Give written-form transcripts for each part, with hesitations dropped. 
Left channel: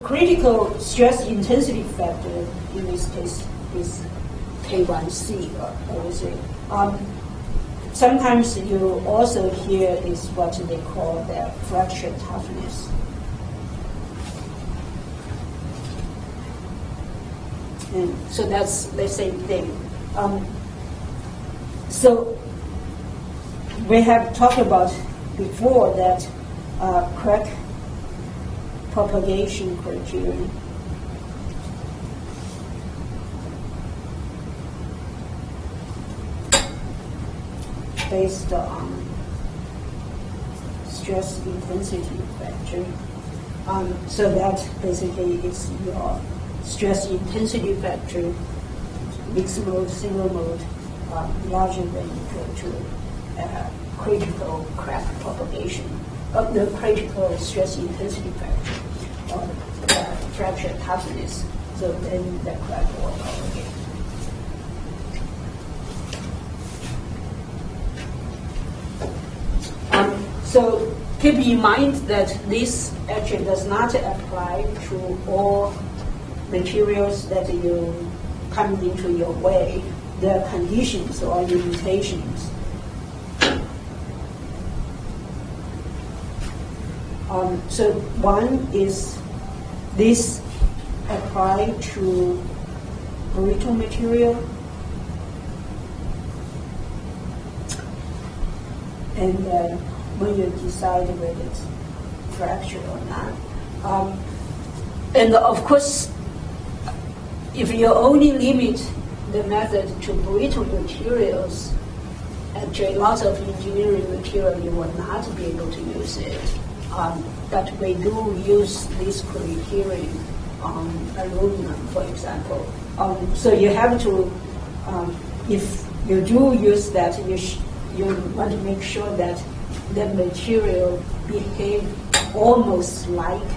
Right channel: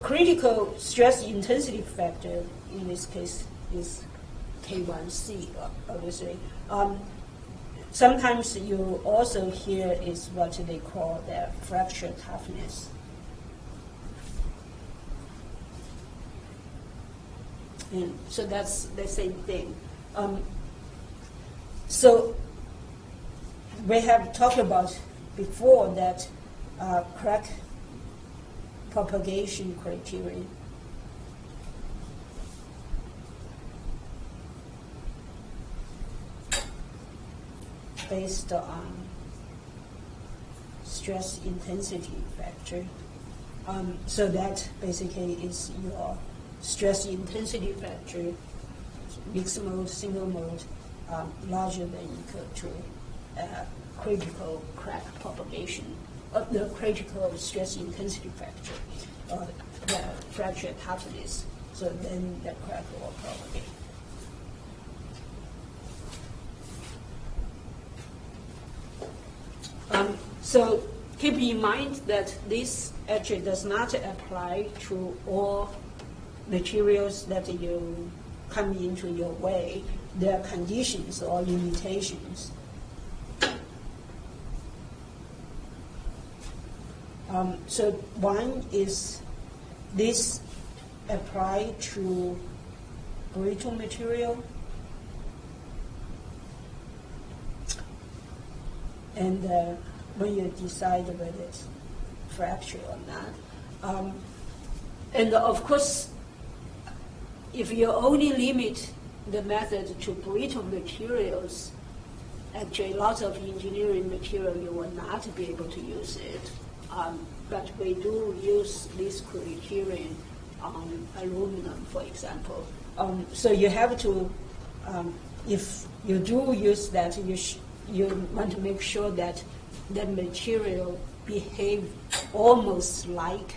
Critical stress intensity factor in this case is K1C, obviously. Sometimes you also hear is what they call the fracture toughness. And so that's the same thing. So we have talked about before that crack propagation criterion. Based on stress intensity factor. So that basically is your stress intensity factor, mixed mode, single mode, larger than equal to critical crack propagation of the critical stress intensity factor or the fracture toughness. So then the crack will propagate. So keep in mind that this actually does not apply to all materials that you come into your way. There are conditions or limitations. So one is this apply to brittle material, and when you decide whether it's fractured or not. And of course, if you only limit the method to brittle materials, actually lots of engineering material you will not be able to use it. But we do use this criterion on aluminum, for example. So you have to, if you do use that, you want to make sure that that material behave almost like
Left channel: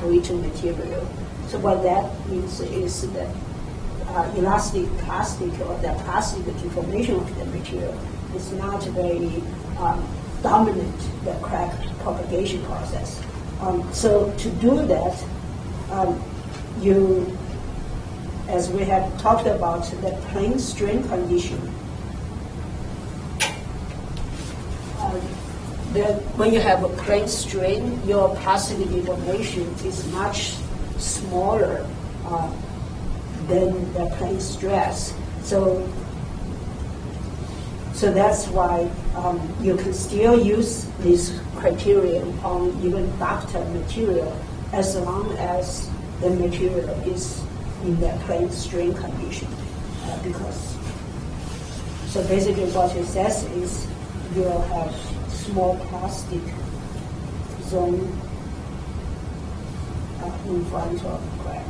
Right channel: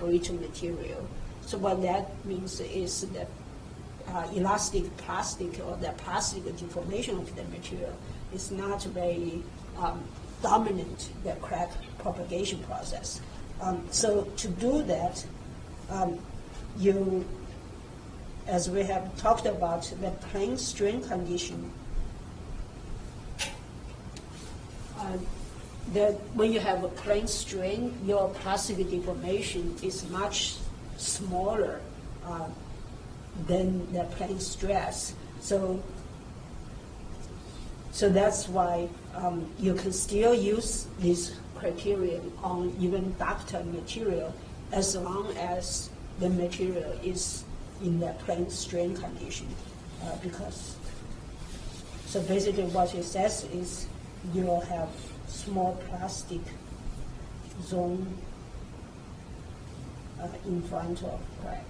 brittle material. So what that means is that elastic plastic or the plastic deformation of the material is not very dominant the crack propagation process. So to do that, you, as we have talked about, the plane strain condition. That when you have a plane strain, your plastic deformation is much smaller than the plane stress. So that's why you can still use this criterion on even ductile material as long as the material is in the plane strain condition. Because so basically what it says is you'll have small plastic zone in front of crack.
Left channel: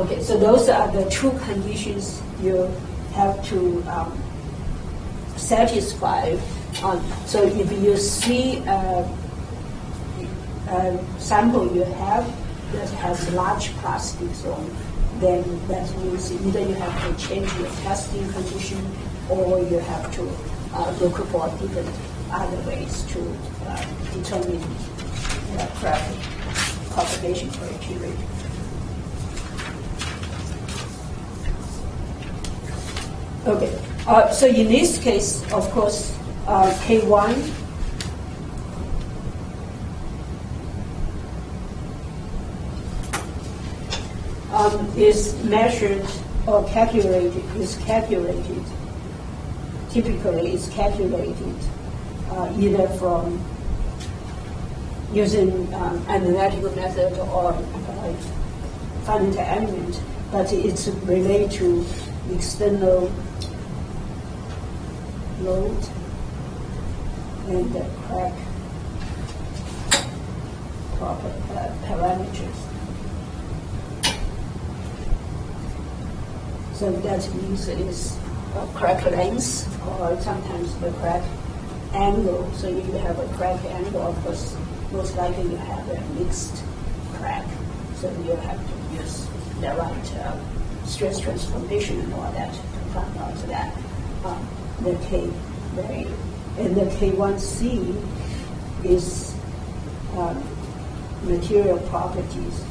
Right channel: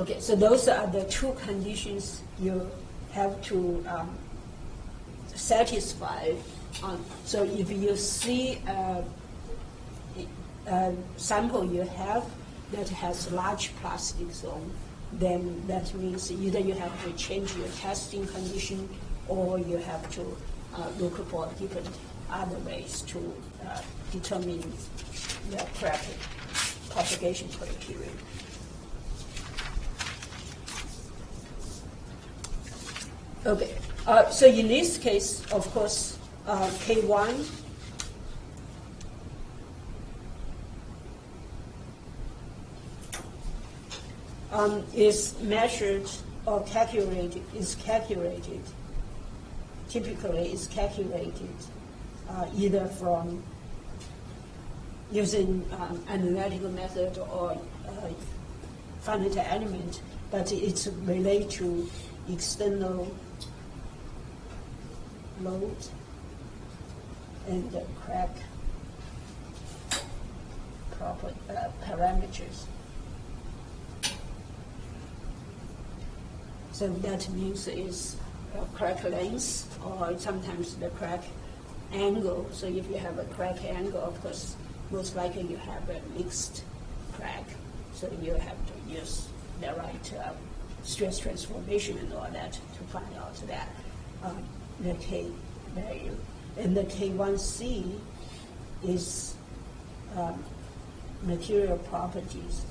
Okay, so those are the two conditions you have to satisfy. So if you see a sample you have that has large plastic zone, then that means either you have to change your testing condition or you have to look for different other ways to determine the crack propagation criteria. Okay, so in this case, of course, K1 is measured or calculated, typically is calculated either from using analytical method or finite element, but it's related to external load and the crack parameters. So that means it is crack length or sometimes the crack angle. So if you have a crack angle, of course, most likely you have a mixed crack. So you have to use the right stress transformation and all that to find out that the K value. And the K1C is material properties.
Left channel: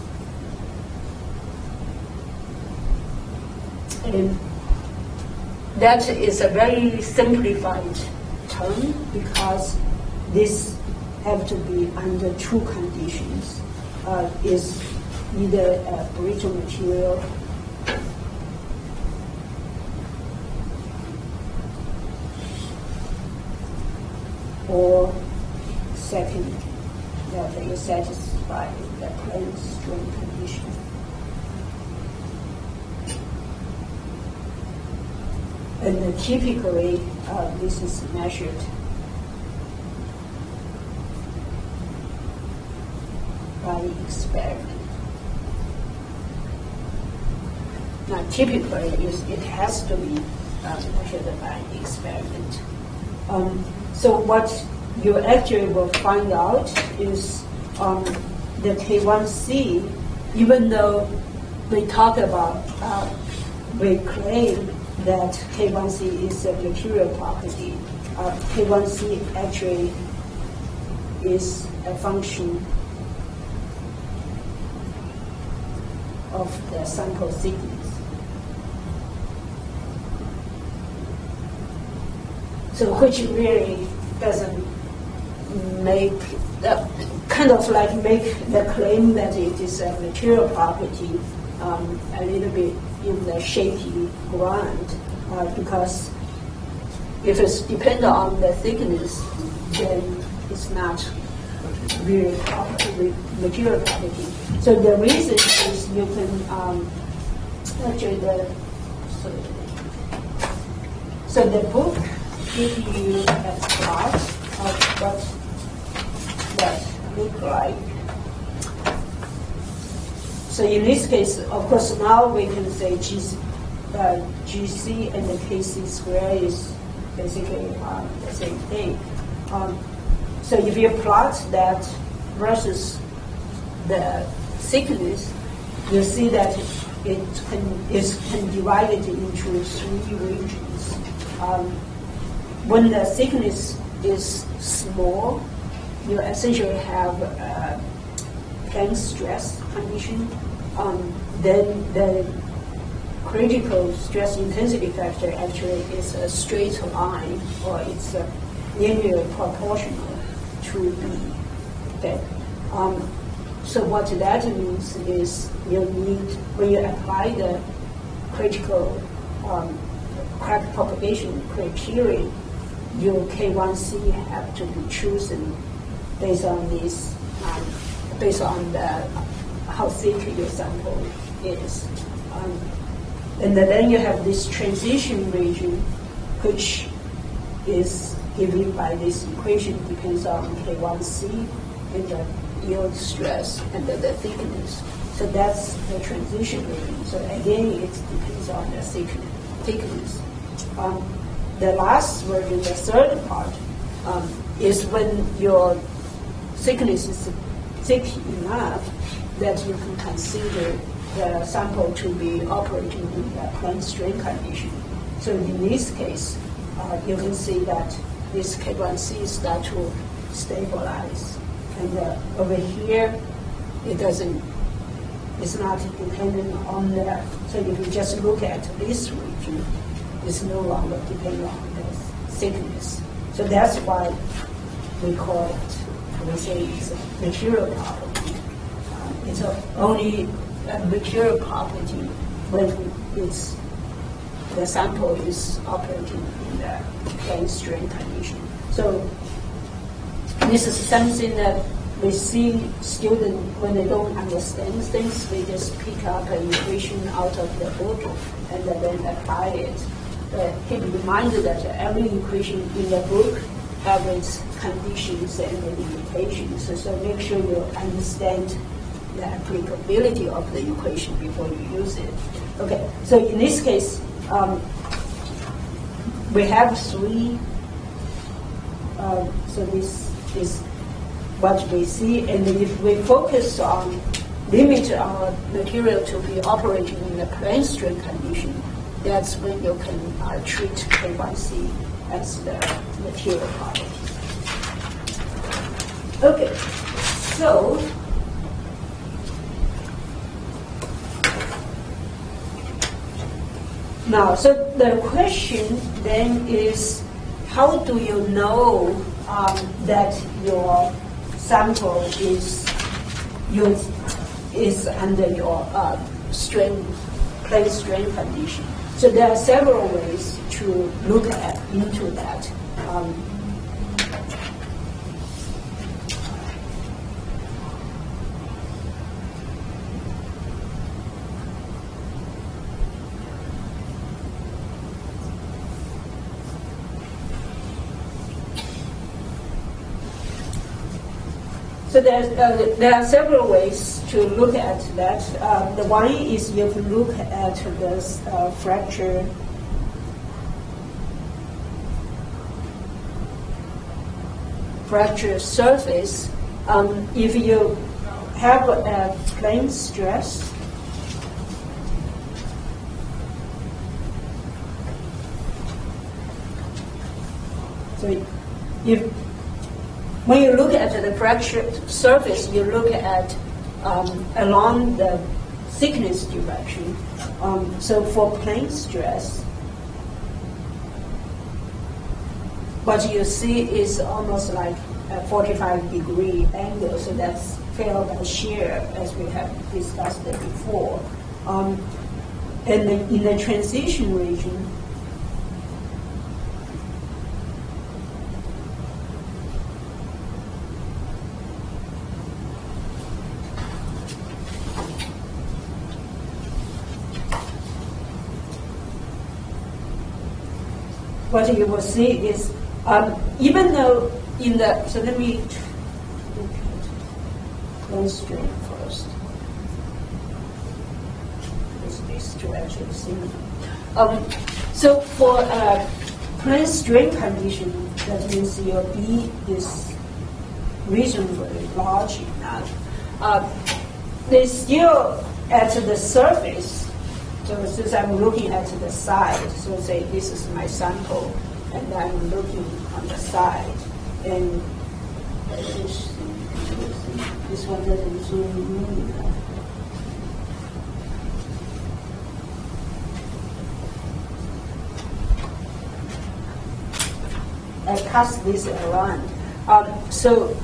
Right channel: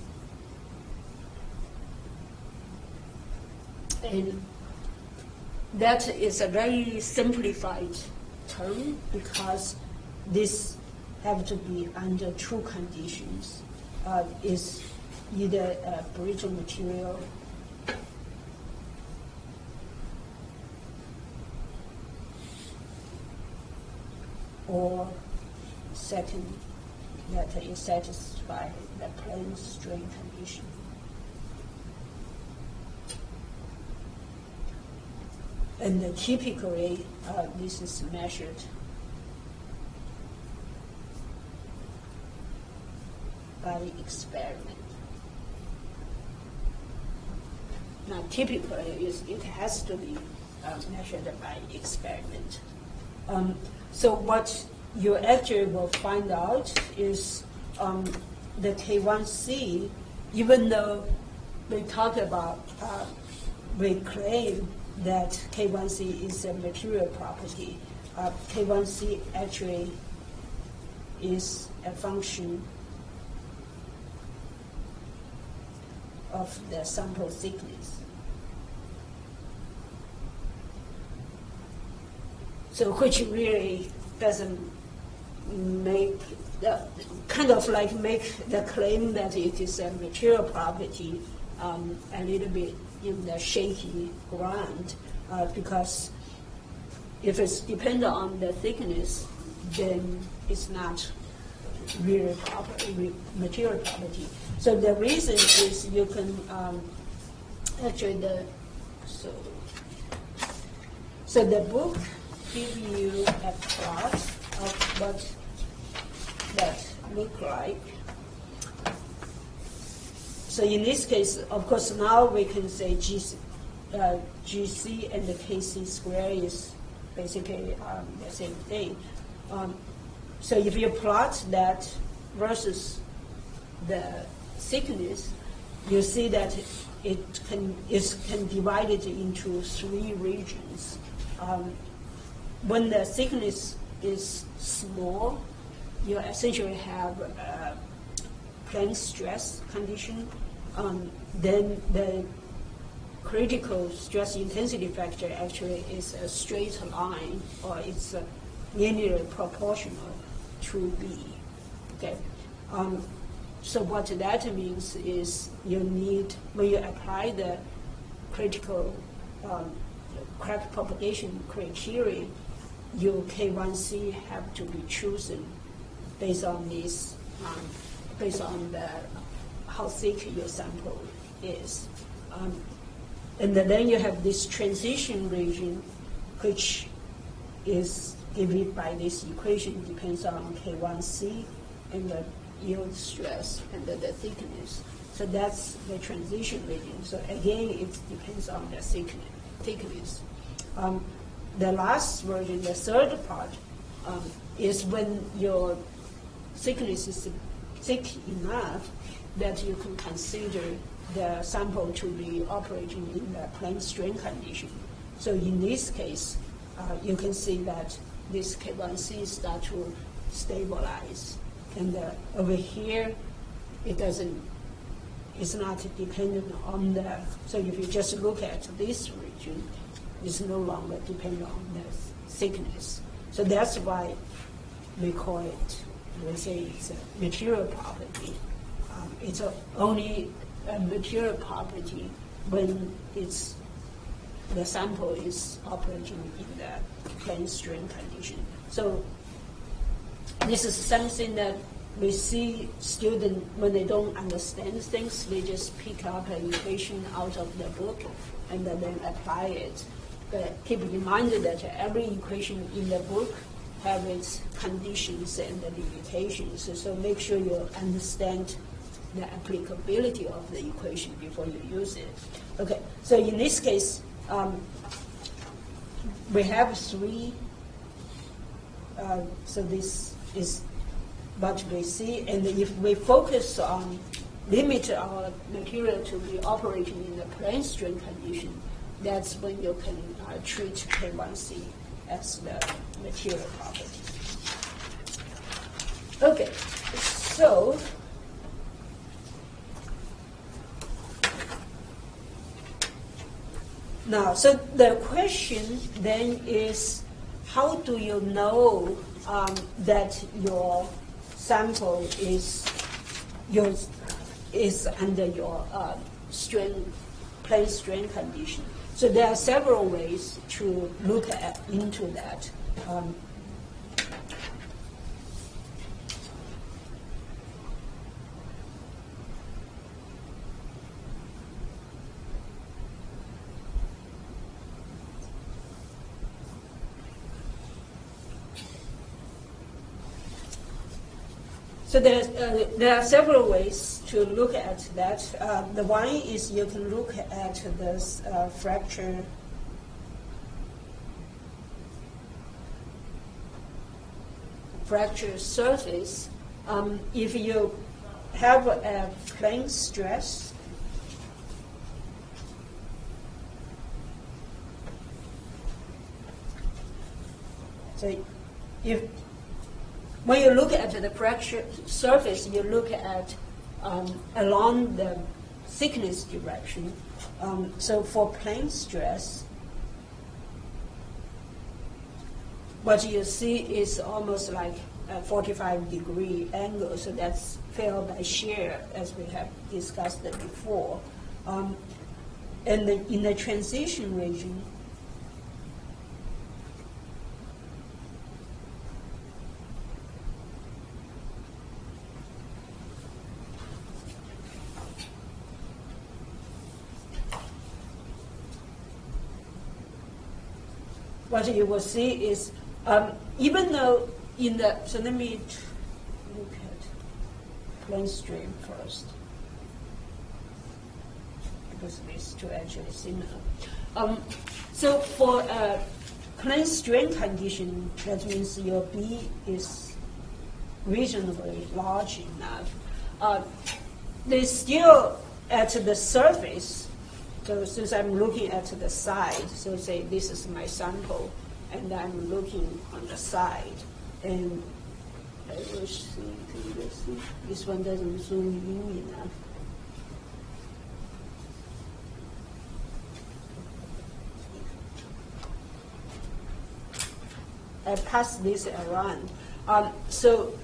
And that is a very simplified term because this have to be under two conditions. Is either a brittle material or second, that it satisfies the plane strain condition. And typically, this is measured by experiment. Now, typically, it has to be measured by experiment. So what you actually will find out is the K1C, even though we talk about, we claim that K1C is a material property, K1C actually is a function of the sample thickness. So which really doesn't make, kind of like make the claim that it is a material property a little bit in the shaky ground, because if it's dependent on the thickness, then it's not really material property. So the reason is you can actually so the book gives you a plot of what that look like. So in this case, of course, now we can say GC and the KC square is basically the same thing. So if you plot that versus the thickness, you see that it can divide it into three regions. When the thickness is small, you essentially have a plane stress condition. Then the critical stress intensity factor actually is a straight line, or it's linearly proportional to B. Okay. So what that means is you need, when you apply the critical crack propagation criteria, your K1C have to be chosen based on this, based on how thick your sample is. And then you have this transition region, which is given by this equation, depends on K1C and the yield stress and the thickness. So that's the transition region. So again, it depends on the thickness. The last version, the third part, is when your thickness is thick enough that you can consider the sample to be operating in a plane strain condition. So in this case, you can see that this K1C start to stabilize. And over here, it's not dependent on that. So if you just look at this region, it's no longer dependent on the thickness. So that's why we call it, we say it's a material property. It's only a material property when the sample is operating in the plane strain condition. So this is something that we see students, when they don't understand things, they just pick up an equation out of the book and then apply it. But keep reminded that every equation in the book has its conditions and the limitations. So make sure you understand the applicability of the equation before you use it. Okay, so in this case, we have three. So this is what we see, and if we focus on limit our material to be operating in a plane strain condition, that's when you can treat K1C as the material property. Okay, so now, so the question then is, how do you know that your sample is under your plane strain condition? So there are several ways to look into that. So there are several ways to look at that. The one is you can look at this fracture surface. If you have a plane stress, so when you look at the fracture surface, you look at along the thickness direction. So for plane stress, what you see is almost like a 45-degree angle, so that's failed by shear, as we have discussed before. And in the transition region, what you will see is, even though so let me look at plane strain first. These two actually similar. So for a plane strain condition, that means your B is reasonably large enough. They still at the surface. So since I'm looking at the side, so say this is my sample, and I'm looking on the side, and this one doesn't zoom in enough. I pass this around. So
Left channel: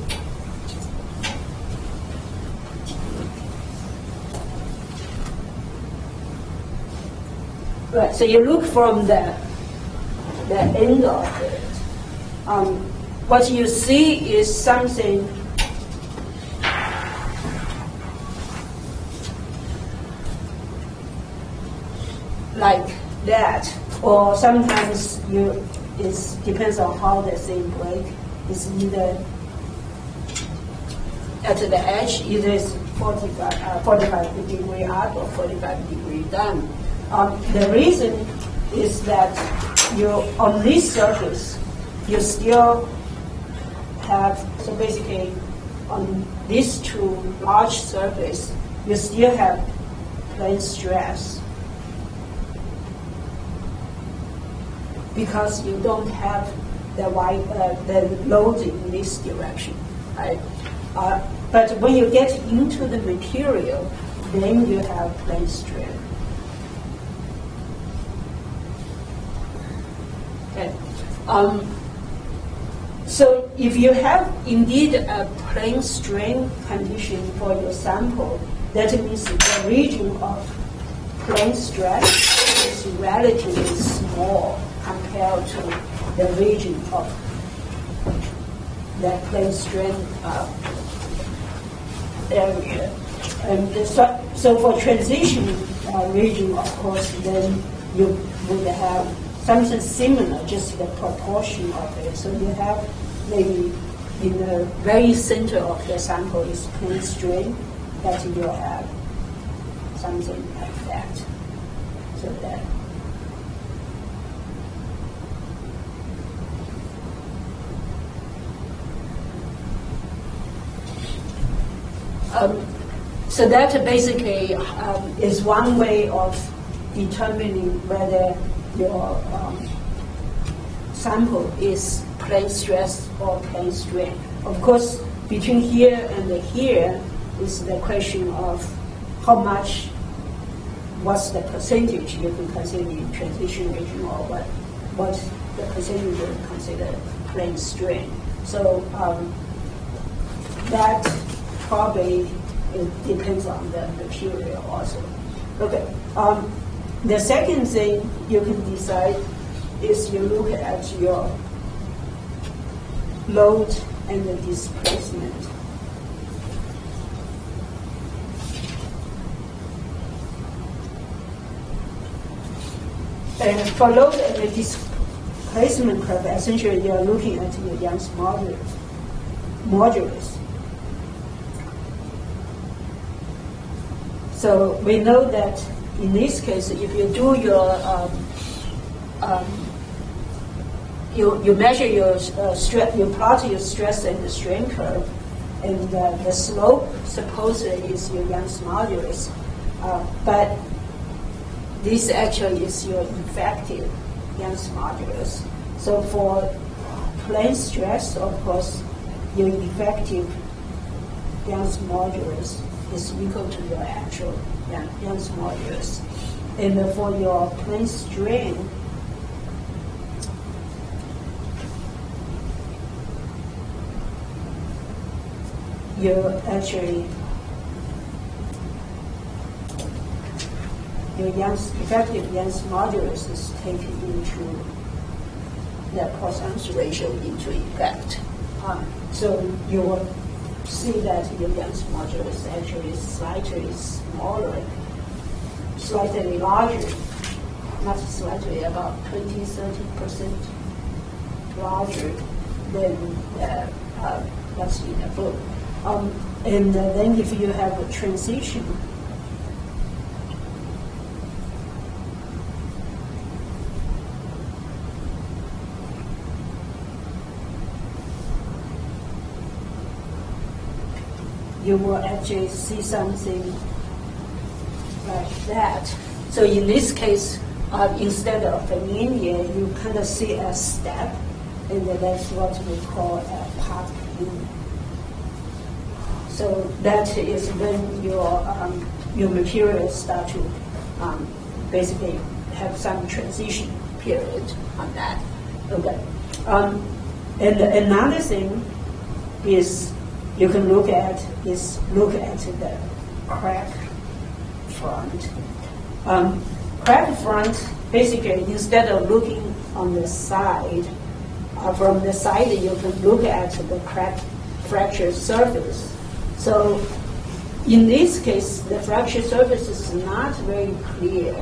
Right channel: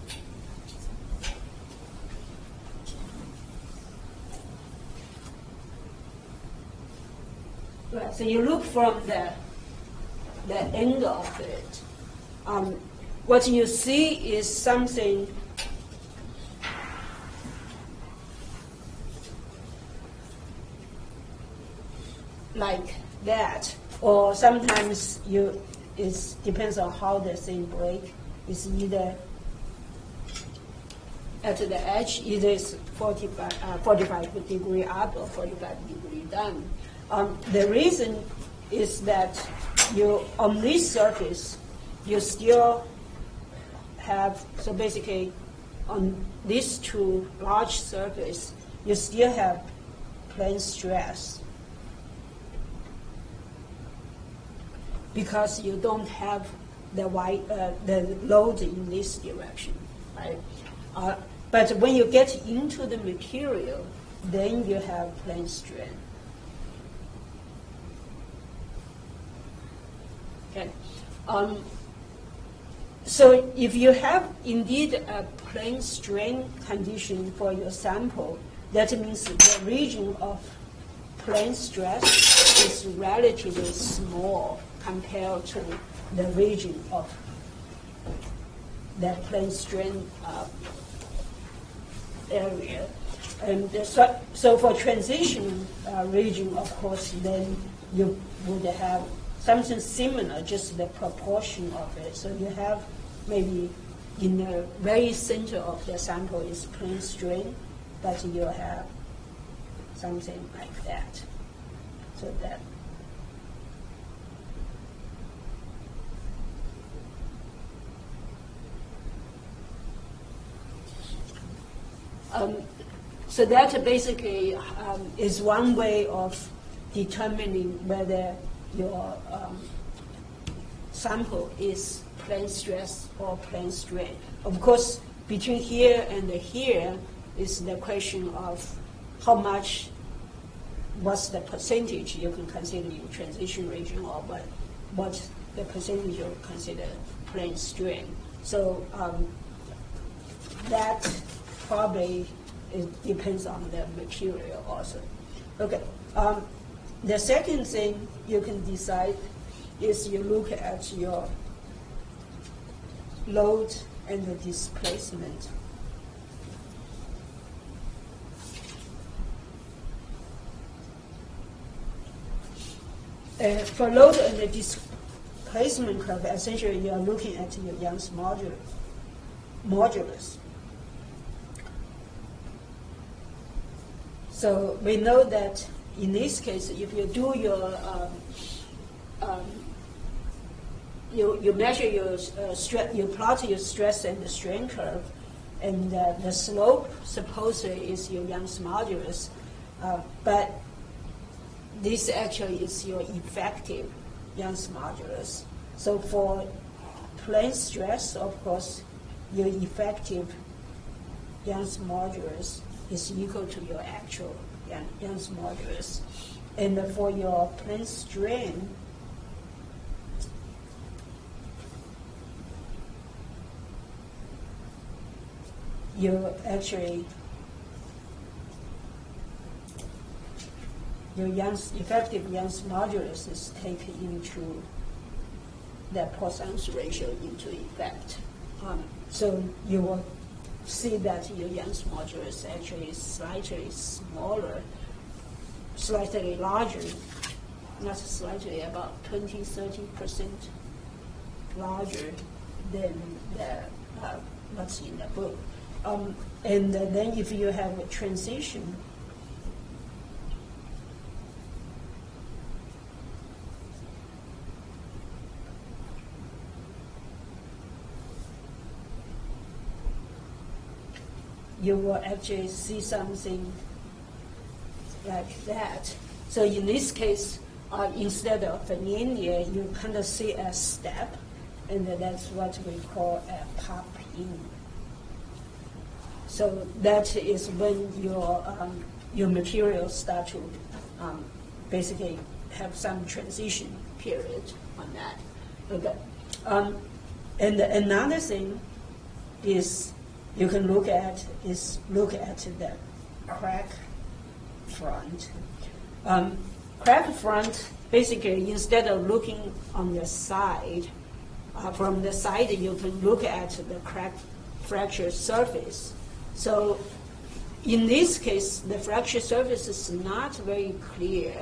right, so you look from the end of it. What you see is something like that, or sometimes it depends on how the thing breaks. It's either at the edge, either it's 45 degree up or 45 degree down. The reason is that on this surface, you still have, so basically on these two large surface, you still have plane stress because you don't have the load in this direction, right? But when you get into the material, then you have plane strain. Okay. So if you have indeed a plane strain condition for your sample, that means the region of plane stress is relatively small compared to the region of that plane strain area. And so for transition region, of course, then you would have something similar, just the proportion of it. So you have maybe in the very center of the sample is plane strain, but you have something like that. So that. So that basically is one way of determining whether your sample is plane stress or plane strain. Of course, between here and here is the question of how much, what's the percentage you can consider in transition region, or what's the percentage you can consider plane strain. So that probably it depends on the material also. Okay. The second thing you can decide is you look at your load and the displacement. And for load and the displacement curve, essentially you are looking at your Young's modulus. So we know that in this case, if you do your you measure your stress, you plot your stress and the strain curve, and the slope supposedly is your Young's modulus, but this actually is your effective Young's modulus. So for plane stress, of course, your effective Young's modulus is equal to your actual Young's modulus. And for your plane strain, your effective Young's modulus is taken into the Poisson's ratio into effect. So you will see that your Young's modulus actually is slightly smaller, slightly larger, not slightly, about 20-30% larger than what's in the book. And then if you have a transition, you will actually see something like that. So in this case, instead of the linear, you kind of see a step, and that's what we call a path in. So that is when your materials start to basically have some transition period on that. Okay. And another thing is you can look at the crack front. Crack front, basically, instead of looking on the side, from the side you can look at the crack fracture surface. So in this case, the fracture surface is not very clear.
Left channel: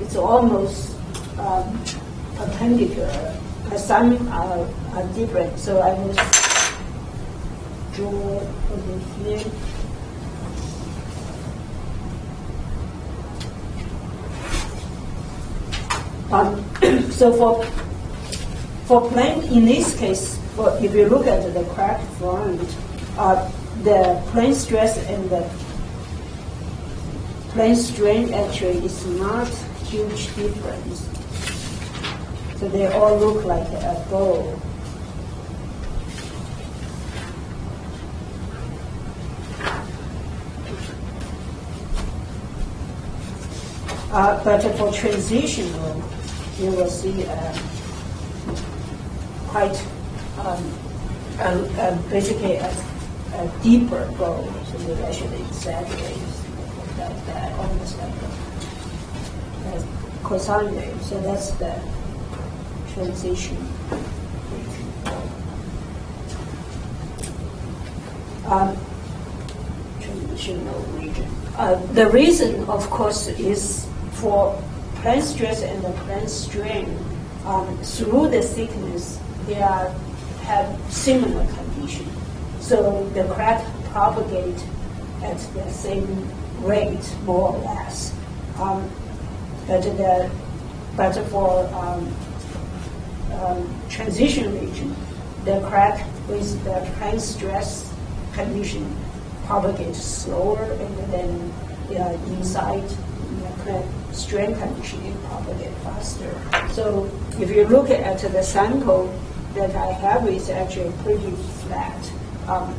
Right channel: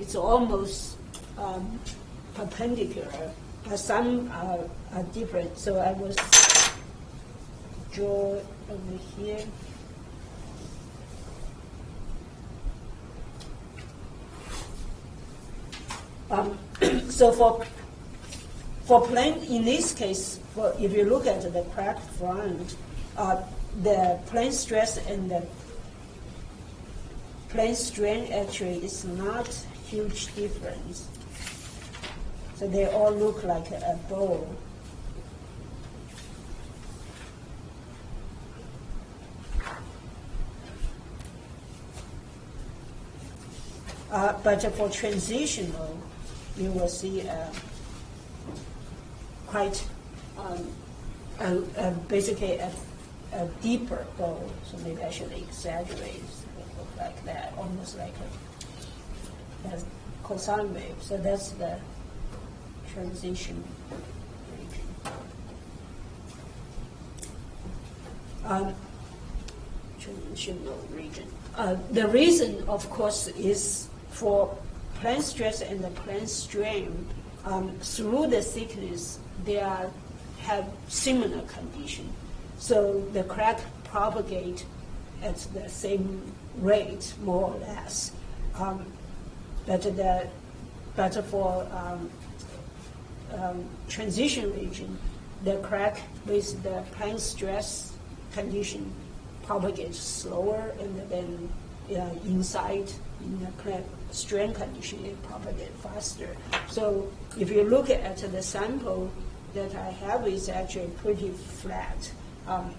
It's almost perpendicular, but some are different. So I will draw over here. So for plane, in this case, if you look at the crack front, the plane stress and the plane strain actually is not huge difference. So they all look like a bow. But for transitional, you will see quite basically a deeper bow. So we actually exaggerate that almost like a cosine wave. So that's the transition. Transitional region. The reason, of course, is for plane stress and the plane strain, through the thickness, they have similar condition. So the crack propagate at the same rate, more or less. But for transition region, the crack with the plane stress condition propagates slower, and then inside the plane strain condition, it propagates faster. So if you look at the sample, that I have is actually pretty flat.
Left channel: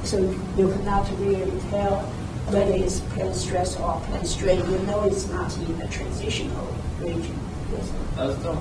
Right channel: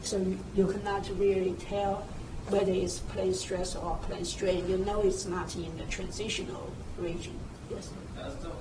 So you cannot really tell whether it's plane stress or plane strain. You know it's not in the transitional region. Yes. 这种